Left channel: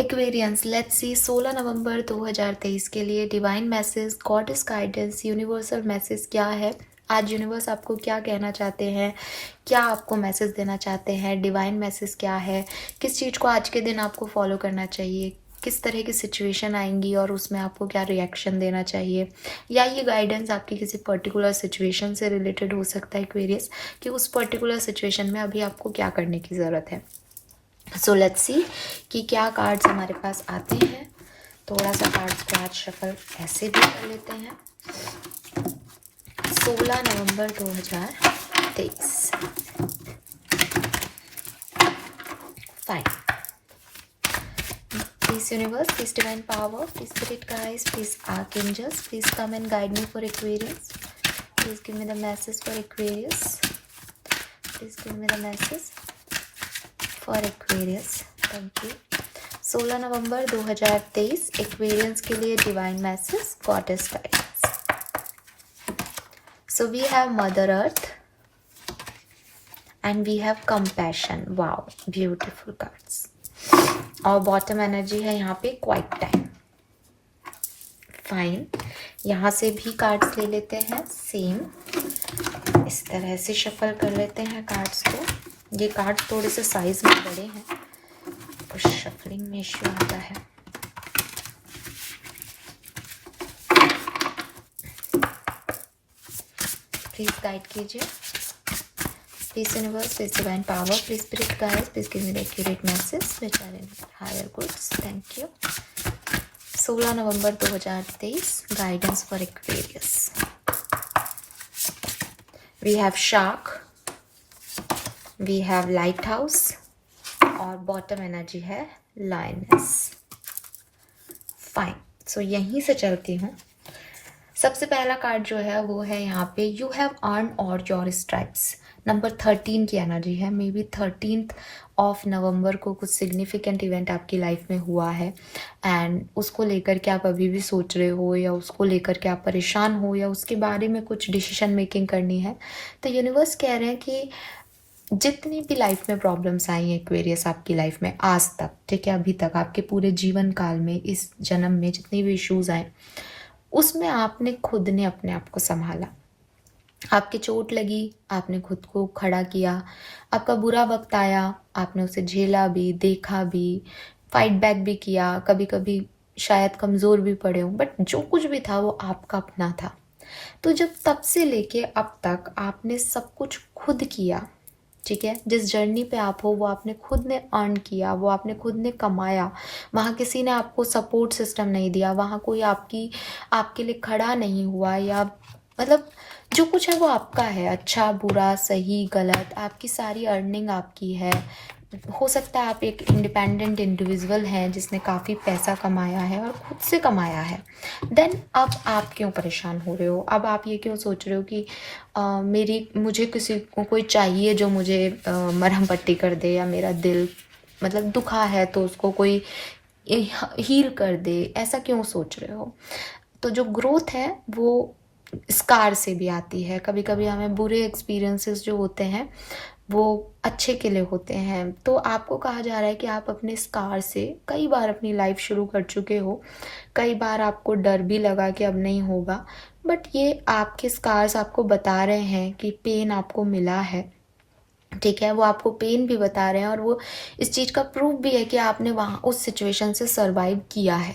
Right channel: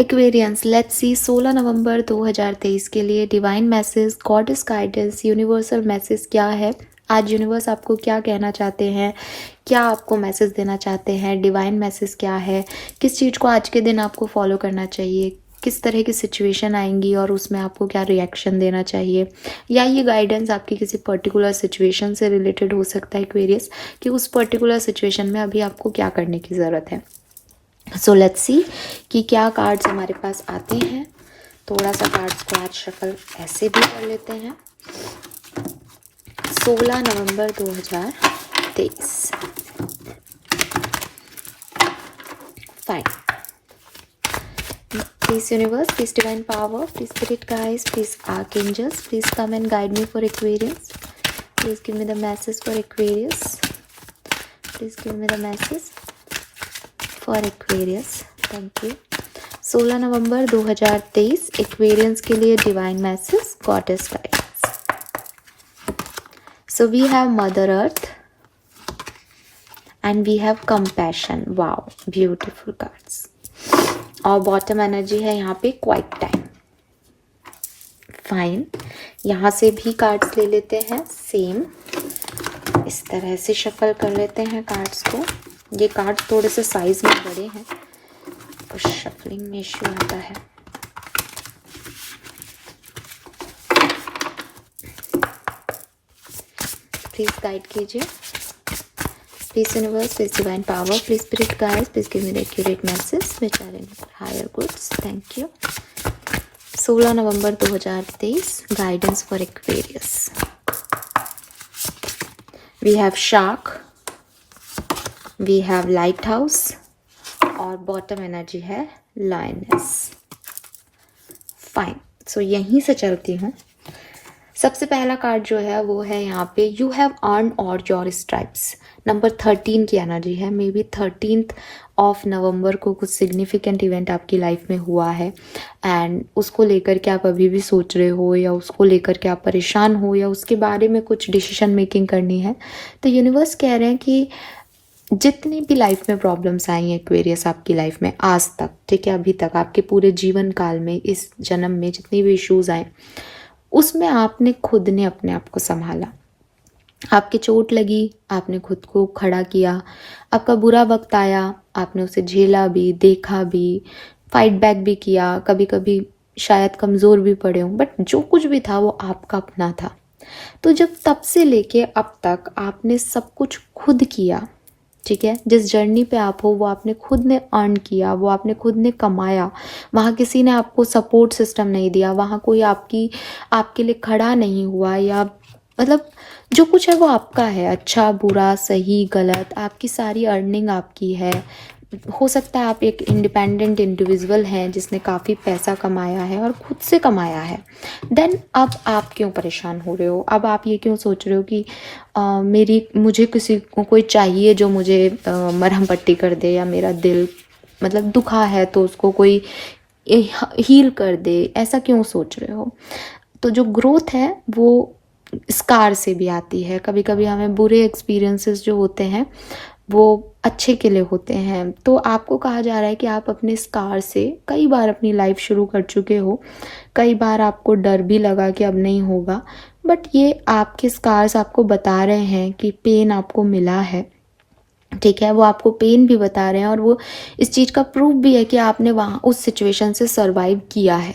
Aquarians, let's see 16 November 2023 के लिए divine message, goddess guidance, universal message क्या है। आज यूनिवर्स आपको क्या कहना चाहते हैं, क्या आपको मैसेज देना चाहते हैं, डिवाइन मैसेज क्या है, किस चीज़ को आज के दिन आपको फॉलो करना चाहिए, किस तरह की सिचुएशन आएंगी और उसमें आपको क्या रिएक्शन देना चाहिए, या ये गाइडेंस आपकी किसी पर्टिकुलर सिचुएशन से रिलेटेड हो सकता है एक्वेरियस, कि उस पर्टिकुलर सिचुएशन में अभी आपको क्या करने की ज़रूरत है। सो लेट्स सी कि क्या कार्ड्स हमारे पास आते हैं। थोड़ा सा कार्ड्स को आज शफल ऐसे भी कर लेते हैं। 16 November 2023। Fine. Please universe, please divine power, please spirit guides, please archangels, please come and guide me for Aquarius. Please give me the message for Aquarius. Please give me the message for Aquarius. Thank you. 16 November 2023 Aquarians के लिए divine message, goddess guidance. So we have mother earth and we have compassion. Wow, beautiful cards. और bottom energy है यहाँ पे quiet time. Fine, यहाँ से भी cards ले लेते हैं सेम, इस तरह से शफल कर लेते हैं कार्ड्स को। ये कार्ड्स थोड़े से साइज में बड़े हैं तो शफलिंग में इश्यू आता है। प्लीज गाइड कीजिए, please universe, please divine power, please spirit guides, please give me the accurate message which are in higher goods. Thank you. 16 November 2023 guidance for Aquarius. We have shark, we have lighthouse और bottom energy है lioness. Fine, so यहीं से चलती हूँ। सबसे पहला card जो है वो है यहाँ पे you have earn all your stripes. Number 13 की एनर्जी है। May be 13th of November को कुछ सिग्निफिकेंट इवेंट आपकी लाइफ में हुआ है एंड उसको लेकर के आप अभी भी सोच रहे हो, या उसको लेकर के आप परेशान हो, या उसके बारे में कुछ डिसीजन मेकिंग करनी है। तो यूनिवर्स कह रहे हैं कि जितनी भी लाइफ में प्रॉब्लम्स आई हैं एक्वेरियस आपकी लाइफ में आज तक, ठीक है, अभी तक आपके पूरे जीवन काल में, इस जन्म में जितनी भी इश्यूज आए, उसमें आपने खुद ने अपने आप को संभाला। आपकी चोट लगी, आपने खुद को खड़ा किया। आपका बुरा वक्त आया, आपने उसे झेला भी, देखा भी, फाइट बैक भी किया। कभी कभी शायद कमज़ोर भी पड़े हो, बट जो कुछ भी था वो आपका अपना था। तो जब तब से लेके अब तक आपने सब कुछ खुद किया, ठीक है, जिस जर्नी पे आप हो वो आपने खुद ने अर्न किया, वो आपने खुद ने कमाया। वहाँ किसी ने आपको सपोर्ट सिस्टम नहीं दिया, वहाँ कोई आपके लिए खड़ा नहीं हुआ, या मतलब जो कुछ है वो आपका है। अच्छा बुरा सही गलत, आपकी सारी अर्निंग आपकी है। हो सकता है आप एक इंडिपेंडेंट इंडिविजुअल हैं जिसने काफ़ी पैसा कमाया है और खुद से कमाया है। देन अब आप क्यों परेशान हो रहे हो? अब आप ये क्यों सोच रहे हो कि मुझे किसी को कोई चाहिए जो मुझे मरहम पट्टी कर दे, या मेरा दिल मतलब दुखा है तो उसको कोई हील कर दे? ऐसा क्यों सोच रहे हो? तो जो ग्रोथ है वो स्कार से भी आती है। कभी कभी हमें बुरे एक्सपीरियंसेस जो होते हैं वो अच्छे के लिए होते हैं। तो आपको कहा जा रहा है कि आप अपने स्कार से कई बार अपनी लाइफ शुरू कर चुके हो, कई बार आपको डर भी लगा कि अब नहीं होगा, बट ये आपके स्कार्स आपको बता रहे हैं कि पेन आपको मिला है, ठीक है, वो आपको पेन भी बता रहे हैं और वो इस चीज़ का प्रूफ भी है कि आपने वहाँ उस सिचुएशन से सरवाइव किया है।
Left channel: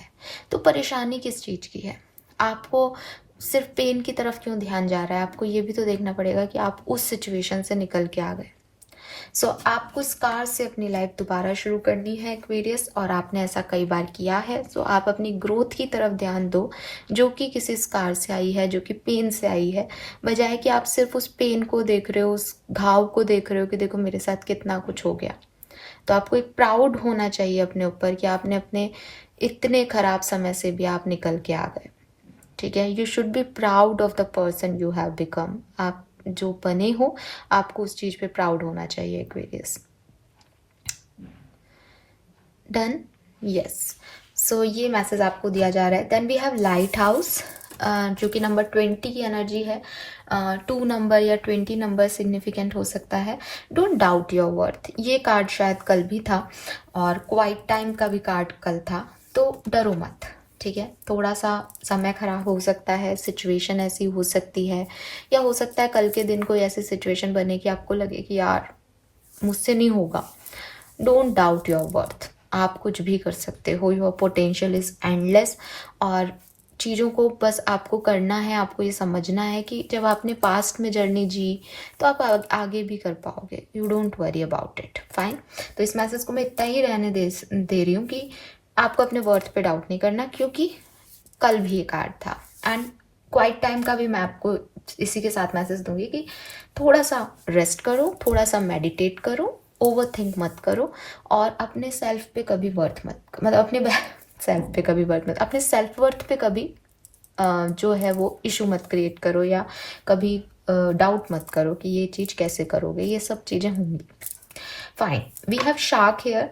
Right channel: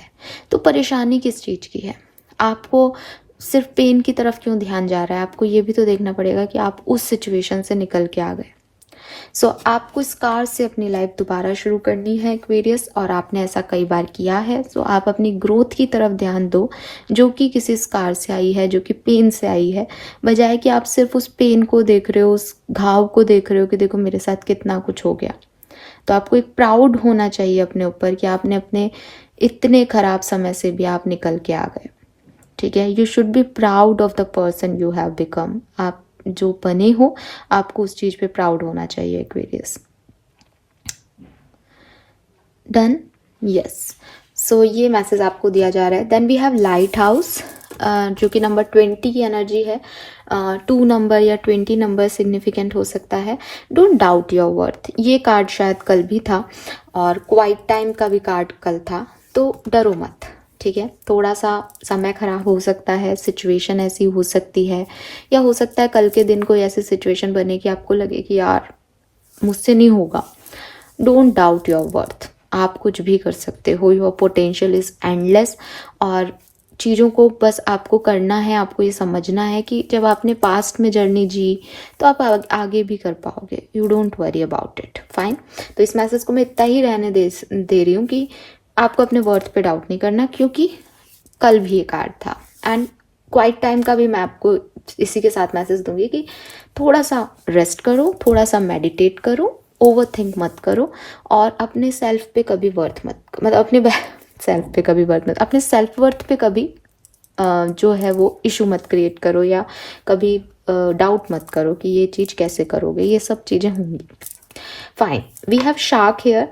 तो परेशानी किस चीज़ की है? आपको सिर्फ पेन की तरफ क्यों ध्यान जा रहा है? आपको ये भी तो देखना पड़ेगा कि आप उस सिचुएशन से निकल के आ गए। सो आपको स्कार से अपनी लाइफ दोबारा शुरू करनी है एक्वेरियस, और आपने ऐसा कई बार किया है। सो आप अपनी ग्रोथ की तरफ ध्यान दो जो कि किसी स्कार से आई है, जो कि पेन से आई है, बजाय कि आप सिर्फ उस पेन को देख रहे हो, उस घाव को देख रहे हो कि देखो मेरे साथ कितना कुछ हो गया। तो आपको एक प्राउड होना चाहिए अपने ऊपर कि आपने अपने इतने खराब समय से भी आप निकल के आ गए, ठीक है। You should be proud of the person you have become. आप जो बने हो आपको उस चीज पे प्राउड होना चाहिए एक्वेरियस। Done, yes. सो ये मैसेज आपको दिया जा रहा है। Then we have lighthouse. जो कि नंबर 20 की एनर्जी है, 2 नंबर या 20 नंबर सिग्निफिकेंट हो सकता है। डोंट डाउट योर वर्थ, ये कार्ड शायद कल भी था और क्वाइट टाइम का भी कार्ड कल था, तो डरो मत, ठीक है। थोड़ा सा समय खराब हो सकता है, सिचुएशन ऐसी हो सकती है, या हो सकता है कल के दिन कोई ऐसी सिचुएशन बने कि आपको लगे कि यार मुझसे नहीं होगा। डोंट डाउट योर वर्थ, आप कुछ भी कर सकते हो, योर पोटेंशियल इज एंडलेस। और चीज़ों को बस आपको करना है, आपको ये समझना है कि जब आपने पास्ट में जर्नी जी तो आप आगे भी कर पाओगे। You don't worry about it, fine. तो इस मैसेज को मैं इतना ही रहने दे रही हूँ कि आपको अपने वर्थ पे डाउट नहीं करना, क्योंकि कल भी ये कार्ड था। एंड क्वाइट टाइम का भी मैं आपको इसी के साथ मैसेज दूंगी कि थोड़ा सा रेस्ट करो, थोड़ा सा मेडिटेट करो, ओवर थिंक मत करो, और अपने सेल्फ पे कभी वर्थ मत, मतलब अपने सेल्फ पे कभी वर्थ मत, अपने सेल्फ वर्थ पे कभी जो है वो इशू मत क्रिएट करो, या कभी डाउट मत करो कि ये चीज़ कैसे करोगे, ये सब चीज़ें होंगी। Fine, we have shark here.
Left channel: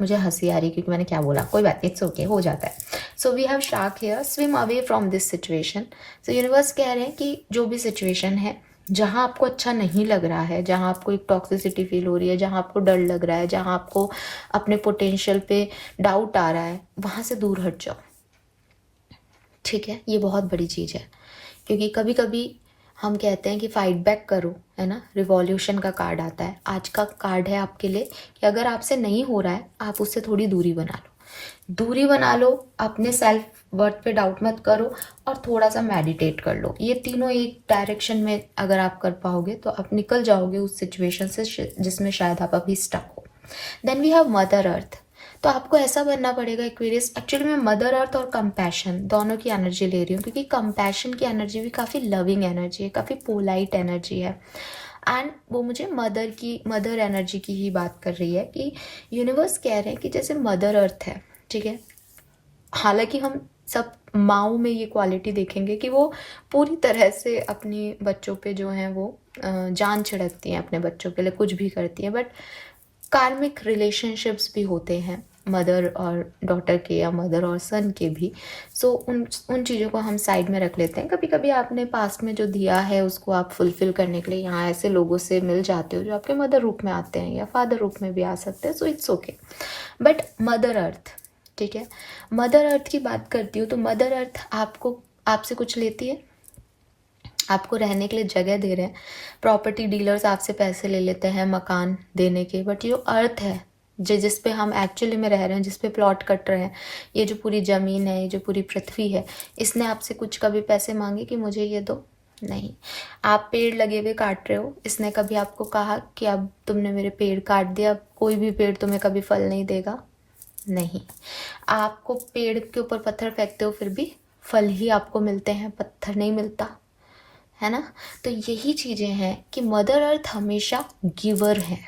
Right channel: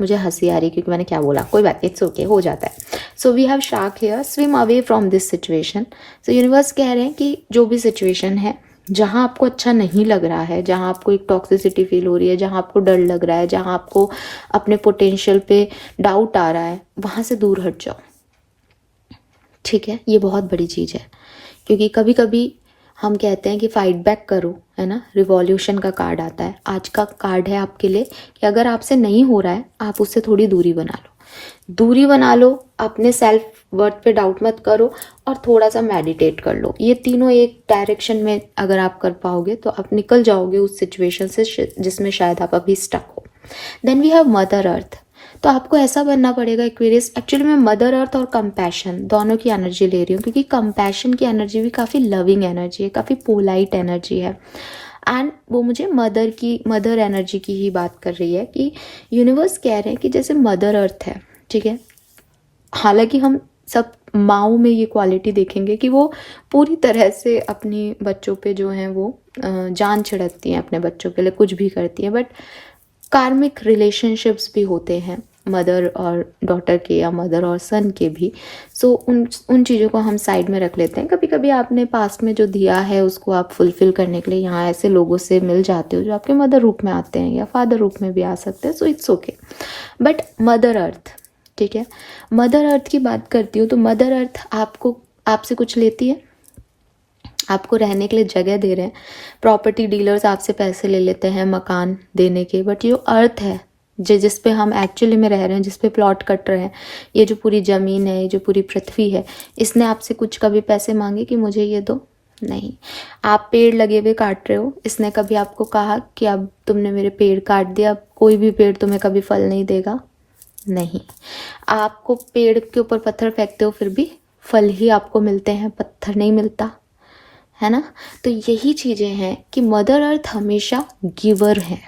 मुझे हंसी आ रही क्योंकि मैंने क्या बोला, कोई बात, इट्स ओके, हो जाता है। So we have shark here, swim away from this situation. So universe कह रहे हैं कि जो भी सिचुएशन है, जहाँ आपको अच्छा नहीं लग रहा है, जहाँ आपको एक टॉक्सिसिटी फील हो रही है, जहाँ आपको डर लग रहा है, जहाँ आपको अपने पोटेंशियल पे डाउट आ रहा है, वहाँ से दूर हट जाओ, ठीक है। ये बहुत बड़ी चीज़ है, क्योंकि कभी कभी हम कहते हैं कि फाइट बैक करो, है ना, रिवॉल्यूशन का कार्ड आता है। आज का कार्ड है आपके लिए कि अगर आपसे नहीं हो रहा है, आप उससे थोड़ी दूरी बना लो, दूरी बना लो, अपने सेल्फ वर्थ पे डाउट मत करो, और थोड़ा सा मेडिटेट कर लो। ये तीनों एक डायरेक्शन में अगर आप कर पाओगे तो आप निकल जाओगे उस सिचुएशन से जिसमें शायद आप अभी स्टक हो। Then we have mother earth. तो आपको ऐसा बनना पड़ेगा एक्वेरियस। एक्चुअली मैं मदर अर्थ और कंपैशन दोनों की एनर्जी ले रही हूँ, क्योंकि कंपैशन की एनर्जी भी काफ़ी लविंग एनर्जी है, काफ़ी पोलाइट एनर्जी है, एंड वो मुझे मदर एनर्जी की ही बात कर रही है कि यूनिवर्स कह रहे हैं कि जैसे मदर अर्थ है, ठीक है। हालांकि हम सब माओ में ये क्वालिटी देखेंगे कि वो पूरी तरह से अपने बच्चों पे जो है वो जान छिड़कती हैं, अपने बच्चों के लिए कुछ भी करती हैं, बट कार्मिक रिलेशनशिप्स भी होते हैं मदर और डॉटर के, या मदर और सन के भी। सो उन चीज़ों को हम साइड में रख लेते हैं। कभी कभी आपने पास्ट में जो दिया है उसको आप फुलफिल करने के लिए यहाँ ऐसे लोगों से मिल जाते हो जो आपके मदर रूप में आते हैं या फादर रूप में भी आ सकते हैं, so it's okay. But mother earth, ठीक है, मदर अर्थ की बात करती हूँ तो मदर अर्थ आपसे कुछ लेती है, आपको रहने के लिए जगह दे रहे हैं। प्रॉपर्टी डीलर्स आपसे पैसे ले लेते हैं मकान देने के, बट ये अर्थ है जिस पे हम एक्चुअली में रह रहे हैं, जिस पे प्लॉट कट रहे हैं, ये जो पूरी ज़मीन है, ये जो पूरी पृथ्वी है, इसने आपसे कुछ कभी पैसे मांगे कि मुझे ये दो? नहीं। आप पेड़ लगे हुए काट रहे हो, इसने कभी आपको कहा कि अब तुमने मेरे पेड़ काट दिया, अब कोई भी पेड़ तुम्हें कभी फल नहीं देगा? नहीं। आपको पेड़ के ऊपर पत्थर फेंकते हो फिर भी फल ही आपको मिलते हैं, पत्थर नहीं मिलता, है ना। तो यही चीज़ें हैं कि मदर अर्थ हमेशा गिवर है,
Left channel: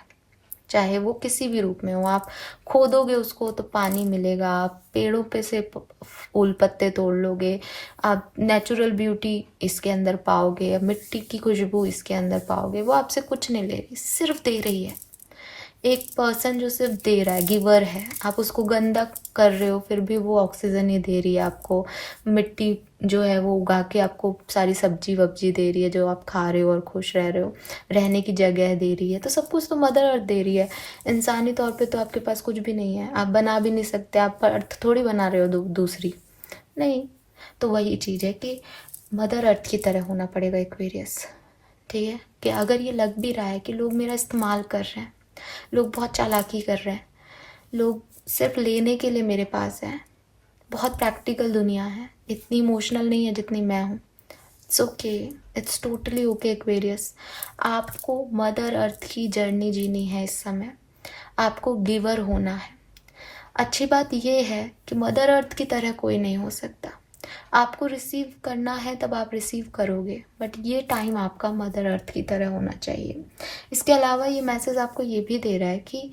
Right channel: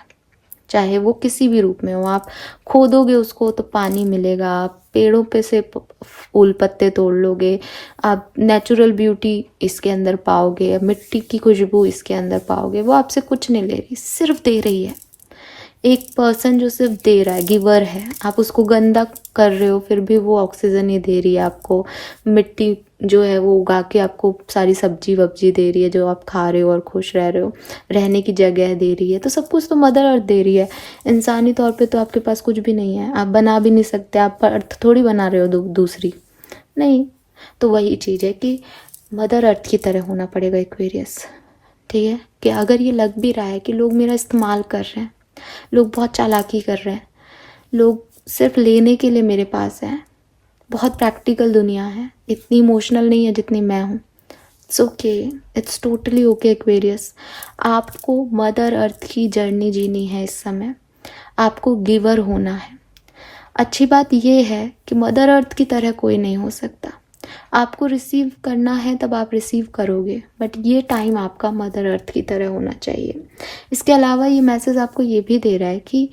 चाहे वो किसी भी रूप में हो। आप खोदोगे उसको तो पानी मिलेगा, आप पेड़ों पे से फूल पत्ते तोड़ लोगे, आप नेचुरल ब्यूटी इसके अंदर पाओगे, मिट्टी की खुशबू इसके अंदर पाओगे। वो आपसे कुछ नहीं ले रही, सिर्फ दे रही है। एक पर्सन जो सिर्फ दे रहा है, गिवर है। आप उसको गंदा कर रहे हो फिर भी वो ऑक्सीजन ही दे रही है आपको, मिट्टी जो है वो उगा के आपको सारी सब्जी वब्जी दे रही है जो आप खा रहे हो और खुश रह रहे हो, रहने की जगह दे रही है। तो सब कुछ तो मदर अर्थ दे रही है। इंसानी तौर पे तो आपके पास कुछ भी नहीं है, आप बना भी नहीं सकते, आप अर्थ थोड़ी बना रहे हो दूसरी, नहीं। तो वही चीज़ है कि मदर अर्थ की तरह होना पड़ेगा एक्वेरियस, ठीक है। कि अगर ये लग भी रहा है कि लोग मेरा इस्तेमाल कर रहे हैं, लोग बहुत चालाकी कर रहे हैं, लोग सिर्फ लेने के लिए मेरे पास हैं, बहुत प्रैक्टिकल दुनिया है, इतनी इमोशनल नहीं है जितनी मैं हूँ, it's okay, it's totally okay Aquarius. आपको मदर अर्थ की जर्नी जीनी है इस समय, आपको गिवर होना है। अच्छी बात यह है कि मदर अर्थ की तरह कोई नहीं हो सकता। आपको रिसीव करना है तब आप रिसीव करोगे, बट ये टाइम आपका मदर अर्थ की तरह होना चाहिए। इसके अलावा ये मैसेज आपको ये भी दे रहा है कि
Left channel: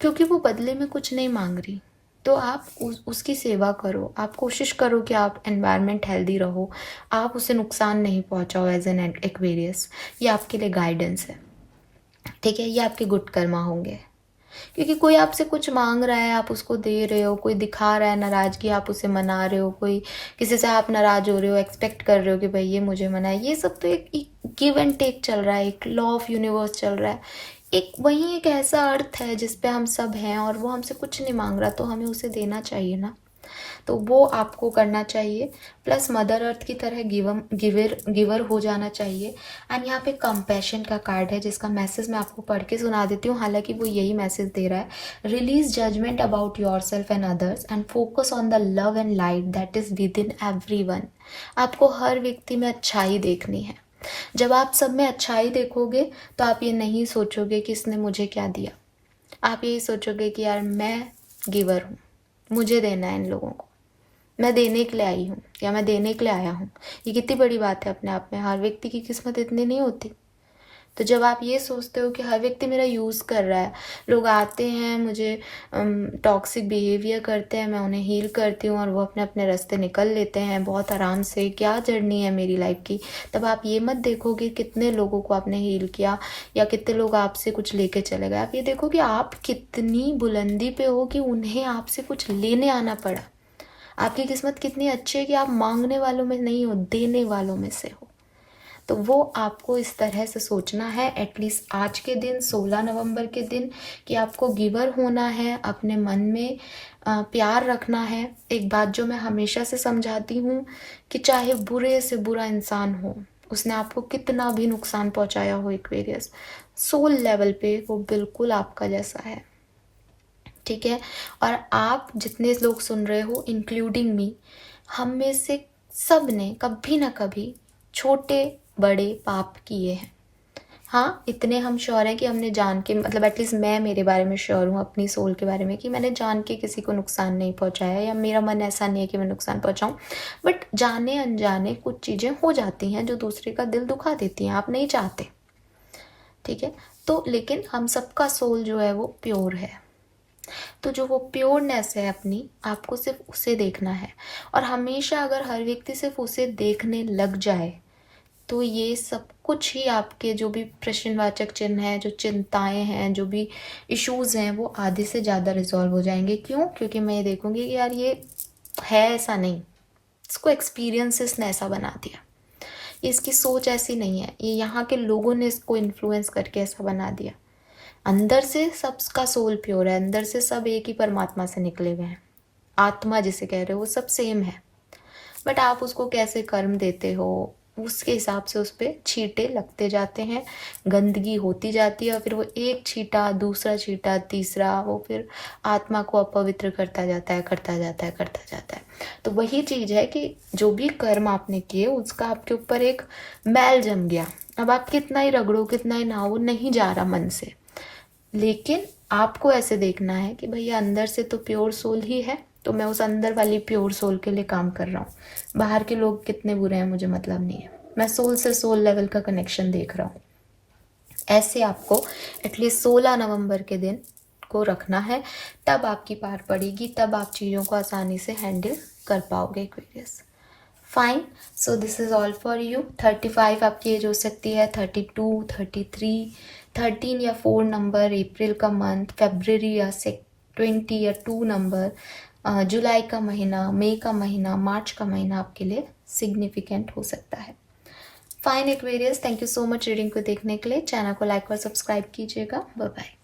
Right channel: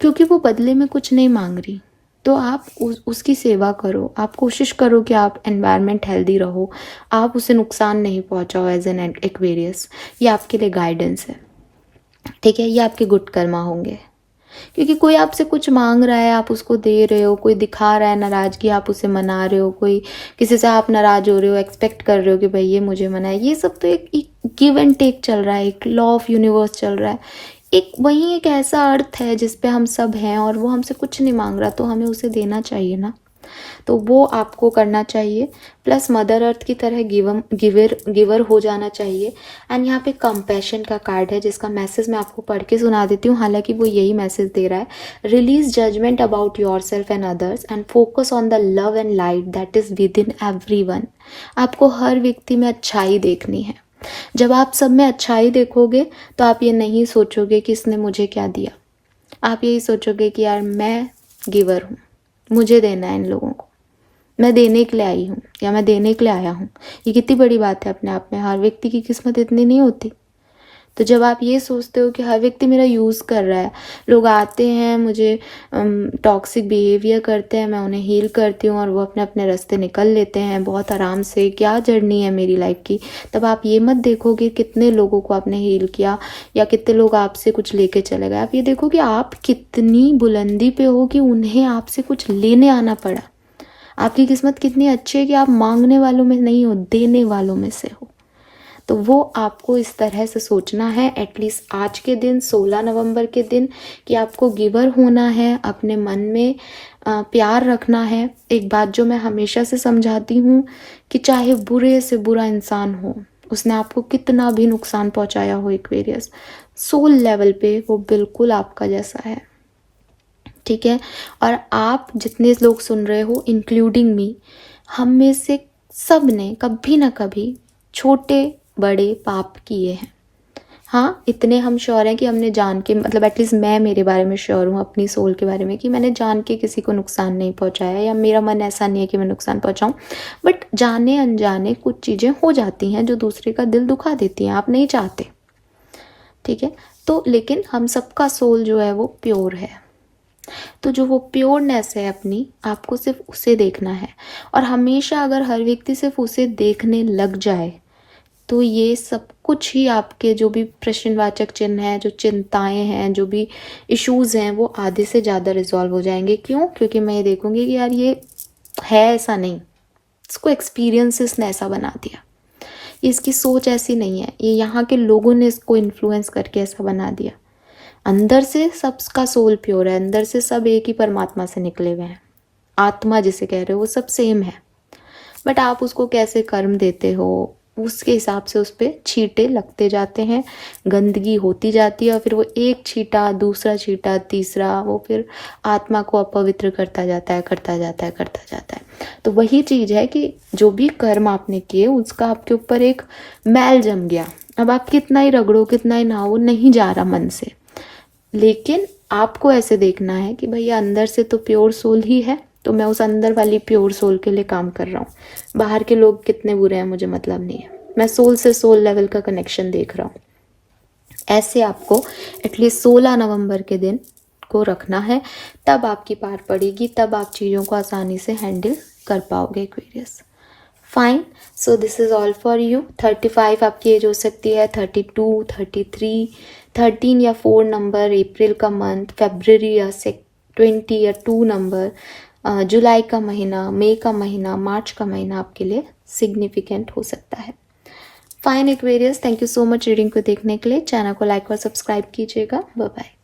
क्योंकि वो बदले में कुछ नहीं मांग रही, तो आप उसकी सेवा करो, आप कोशिश करो कि आप एनवायरनमेंट हेल्दी रहो, आप उसे नुकसान नहीं पहुंचाओ एज एन एक्वेरियस। ये आपके लिए गाइडेंस है, ठीक है, ये आपके गुड कर्मा होंगे। क्योंकि कोई आपसे कुछ मांग रहा है, आप उसको दे रहे हो, कोई दिखा रहा है नाराजगी, आप उसे मना रहे हो, कोई किसी से आप नाराज हो रहे हो, एक्सपेक्ट कर रहे हो कि भाई ये मुझे मनाए, ये सब तो एक गिव एंड टेक चल रहा है, एक लॉ ऑफ यूनिवर्स चल रहा है। एक वही एक ऐसा अर्थ है जिसपे हम सब हैं और वो हमसे कुछ नहीं मांग रहा, तो हमें उसे देना चाहिए ना। तो वो आपको करना चाहिए। प्लस मदर अर्थ की तरह गिवर हो जाना चाहिए। एंड यहाँ पे कंपैशन का कार्ड है जिसका मैसेज मैं आपको पढ़ के सुना देती हूँ, हालांकि वो यही मैसेज दे रहा है। Release judgement about yourself and others and focus on the love and light that is within everyone. आपको हर व्यक्ति में अच्छाई देखनी है। जब आप सब में अच्छाई देखोगे तो आप ये नहीं सोचोगे कि इसने मुझे क्या दिया, आप यही सोचोगे कि यार मैं गिवर हूँ, मुझे देना है इन लोगों को, मैं देने के लिए आई हूँ या मैं देने के लिए आया हूँ। ये कितनी बड़ी बात है अपने आप में। हर व्यक्ति की किस्मत इतनी नहीं होती। तो जब आप ये सोचते हो कि हर व्यक्ति मेरा यूज़ कर रहा है, लोग आते हैं मुझे टॉक्सिक बिहेवियर करते हैं, मैं उन्हें हील करती हूँ और वो अपने अपने रास्ते निकल लेते हैं बहुत आराम से, क्या जर्नी है मेरी लाइफ की, तब आप ये मत देखोगे कितने लोगों को आपने हील किया या कितने लोग आपसे कुछ लेके चले गए। आप ये देखो कि आप कितनी बुलंदी पे हो कि उन्हें आपसे कुछ लेने आना पड़ा। आपकी किस्मत कितनी अच्छी है कि आप मांगने वालों में नहीं हो, देने वालों में से हो। तो वो आपको इस तरह से सोचना है एटलीस्ट आज के दिन 16 नवंबर के दिन, कि आपको गिवर होना है, अपने मन में प्यार रखना है। एक बात जो मैं हमेशा से समझाती हूँ कि चाहे बुरे से बुरा इंसान हो, उसने आपको कितना भी नुकसान पहुंचाया हो एक्वेरियस, सोल लेवल पे वो बिल्कुल आपका जैसा है, ठीक है। और आप जितने लोग सुन रहे हो इंक्लूडिंग मी, हम में से सब ने कभी ना कभी छोटे बड़े पाप किए हैं। हाँ, इतने हम श्योर हैं कि हमने जान के, मतलब एटलीस्ट मैं मेरे बारे में श्योर हूँ अपनी सोल के बारे में, कि मैंने जान के किसी को नुकसान नहीं पहुँचाया या मेरा मन ऐसा नहीं है कि मैं नुकसान पहुँचाऊँ। बट जाने अनजाने कुछ चीज़ें हो जाती हैं जो दूसरे का दिल दुखा देती हैं, आप नहीं चाहते, ठीक है। तो लेकिन हम सबका सोल जो है वो प्योर है। तो जो वो प्योरनेस है अपनी, आपको सिर्फ उसे देखना है। और हमेशा अगर हर व्यक्ति सिर्फ उसे देखने लग जाए तो ये सब कुछ ही आपके जो भी प्रश्नवाचक चिन्ह हैं, जो चिंताएं हैं, जो भी इश्यूज हैं, वो आधे से ज़्यादा रिजॉल्व हो जाएंगे। क्यों? क्योंकि मैं ये देखूंगी कि यार ये है ऐसा नहीं, इसको एक्सपीरियंसेस ने ऐसा बना दिया, इसकी सोच ऐसी नहीं है, ये यहाँ के लोगों ने इसको इन्फ्लुएंस करके ऐसा बना दिया। अंदर से सबका सोल प्योर है, अंदर से सब एक ही परमात्मा से निकले हुए हैं, आत्मा जिसे कह रहे हो वो सब सेम है। बट आप उसको कैसे कर्म देते हो, उसके हिसाब से उस पर छींटे लगते जाते हैं, गंदगी होती जाती है और फिर वो एक छींटा, दूसरा छींटा, तीसरा, वो फिर आत्मा को अपवित्र करता जाता है, करता जाता है, करता जाता है। तो वही चीज़ है कि जो भी कर्म आपने किए उसका आपके ऊपर एक मैल जम गया। अब आप कितना ही रगड़ो, कितना ही नहाओ, नहीं जा रहा मन से। लेकिन आपको ऐसे देखना है कि भैया अंदर से तो प्योर सोल ही है, तो मैं उस अंदर वाली प्योर सोल के लिए काम कर रहा हूँ। बाहर के लोग कितने बुरे हैं मुझे मतलब नहीं है, मैं सोल से सोल लेवल का कनेक्शन देख रहा हूँ। ऐसे आपको एटलीस्ट 16 नवंबर के दिन को रखना है, तब आपकी पार पड़ेगी, तब आप चीज़ों को आसानी से हैंडल कर पाओगे Aquarius. Fine, so this is all for you. 35 आपकी एज हो सकती है, 32, 33, 13 या 4 नंबर अप्रैल का मंथ, फेब्रवरी या 20 या 2 नंबर, जुलाई का महीना, मई का महीना, मार्च का महीना आपके लिए सिग्निफिकेंट हो सकता है। Fine Aquarius, thank you so much reading को देखने के लिए। चैनल को लाइक और सब्सक्राइब कीजिएगा। Bye bye.